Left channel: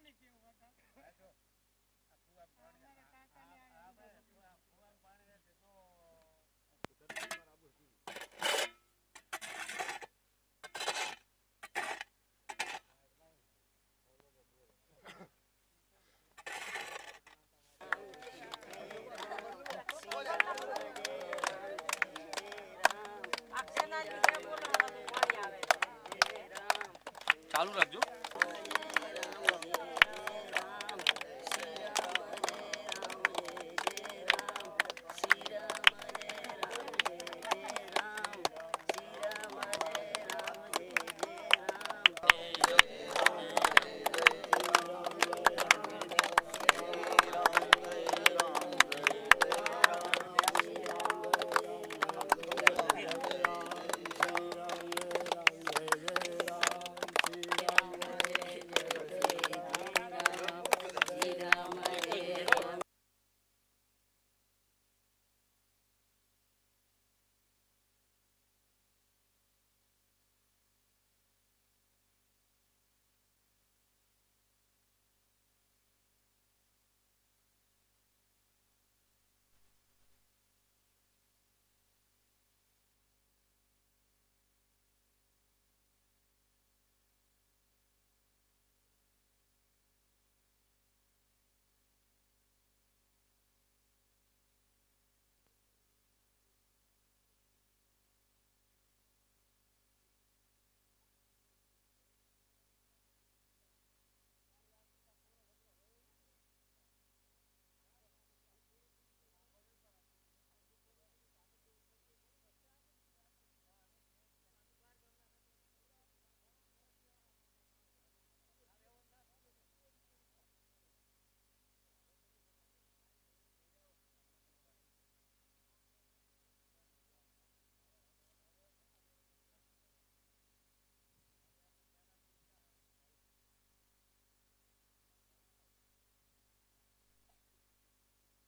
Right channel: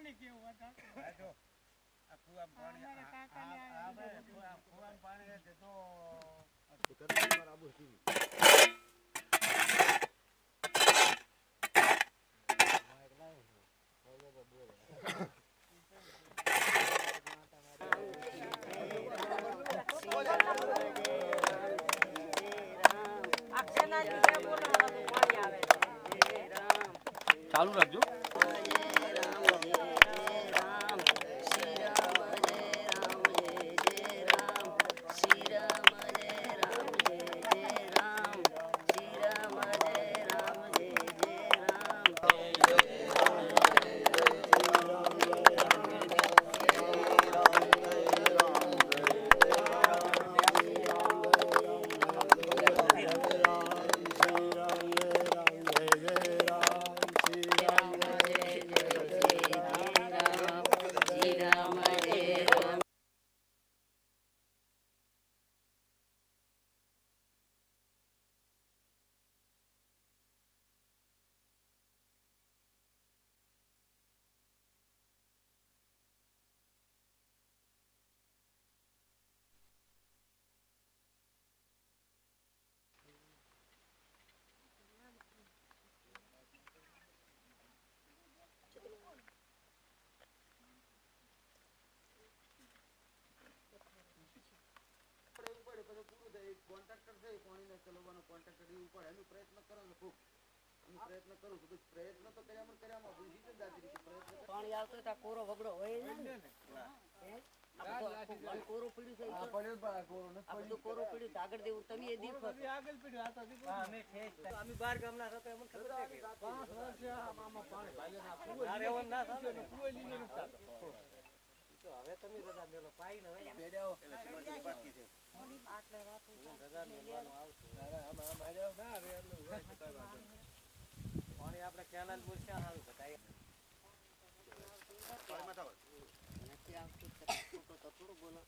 પાણી કેવું હતા જો આ કુવામ પાણી આવે કુવામ પાણી તો મારા આબુ થી ચાલુ રાખજો. કોન્ટ્રાક્ટર છે પાણીને ચલાવવાનો કોન્ટ્રાક્ટર એ ઉપર એનો પ્રયત્ન કરો ને ખૂબ પ્રયત્ન કરું છું પ્રયત્ન તો કર્યામાં પાણી આવતો તો કોરો વગડો હોય ને કોરો પીડ્યું છે કોરો પીડ્યું આગળ દેવું તમે એ દીપ આગળ પીડ્યું આ તો અમે અમે 12 ગામના હતા એમને ખબર છે કે 5 વર્ષ આમાં પાણી ભાઈ ના રેવન ના થાય ને કોઈ લીને નતા તો હવે તમે બધા મેલો પાઈ ને બેડ્યાઓ એટલે બાકી છે આટલે વાતો રજા મેલવાનું આવતું આમ આર્યો ના રે એટલે હોય તો કઈ વાત નહીં પાણી આપણે કેનાલ બોલ ક્યાં સારું બતાય પાણીમાં તો નથી આવતું તો થોડું બોલો